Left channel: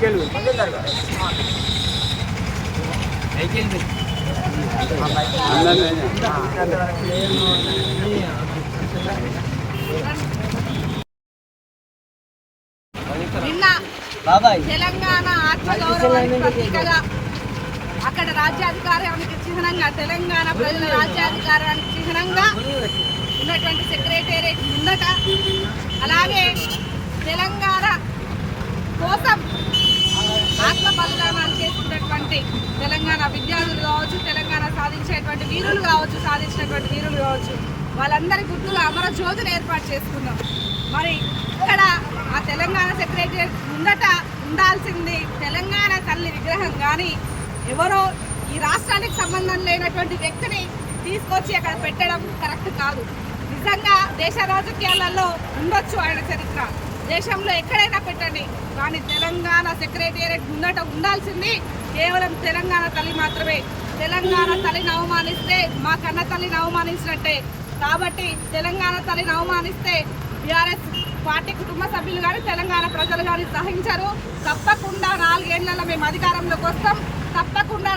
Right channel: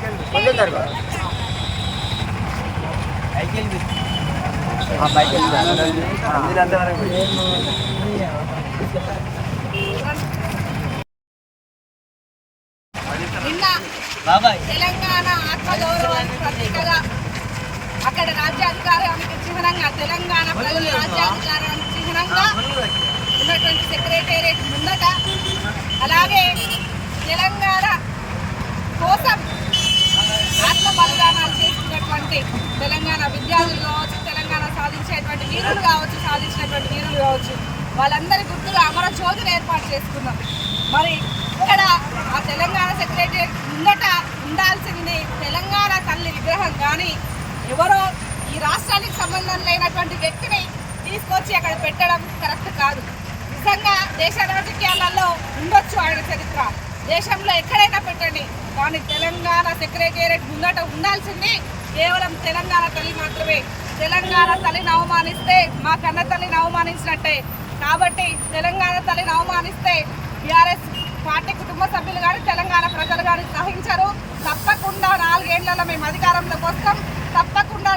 నిన్న తెలంగాణ ఆత్మగౌరవానికి ప్రతీకగా అక్కడ రాజ్యాధికారానికి చిహ్నంగా తెలంగాణ ప్రజల రాజ్యాధికారానికి చిహ్నంగా ఉన్నటువంటి సెక్రటేరియట్ ముందట అలాగే తెలంగాణ కోసం ఆత్మ బలిదానాలు చేసుకున్నటువంటి తెలంగాణ విద్యార్థులు కావచ్చు, తెలంగాణ సాధించినటువంటి వీరులు కావచ్చు, వాళ్ళందరి గుర్తుగా అమర జ్యోతిని ఏర్పాటు చేసుకున్నాం. మరి ఇక్కడ ఆ తెలంగాణ సెక్రటేరియట్ ముందట ఉండాల్సింది తెలంగాణ తల్లి విగ్రహం, కానీ ఎవరో ఈ రాష్ట్రానికి సంబంధం లేనటువంటి వ్యక్తిని తీసుకొచ్చి అక్కడ పెట్టడం కరెక్ట్ కాదు. నిజంగా దేశ రాజకీయాలలో ఉండొచ్చు ఆయన చరిత్ర, దేశంలో ఎక్కడైనా పెట్టండి, కానీ తెలంగాణ సెక్రటేరియట్ ముందట ఉండాల్సింది కేవలం తెలంగాణ తల్లి మాత్రమే. తెలంగాణ తల్లిని అవమానిస్తే మా కన్న తల్లిని అవమానించినట్టే. కాబట్టి తెలంగాణ తల్లిని అవమానిస్తే బీఆర్ఎస్ పార్టీ కుటుంబ సభ్యులు కానీ తెలంగాణ ప్రజలు కానీ సహించరు. తప్పకుండా 4 ఏళ్లలో మేము అధికారంలోకి వస్తాం. తప్పకుండా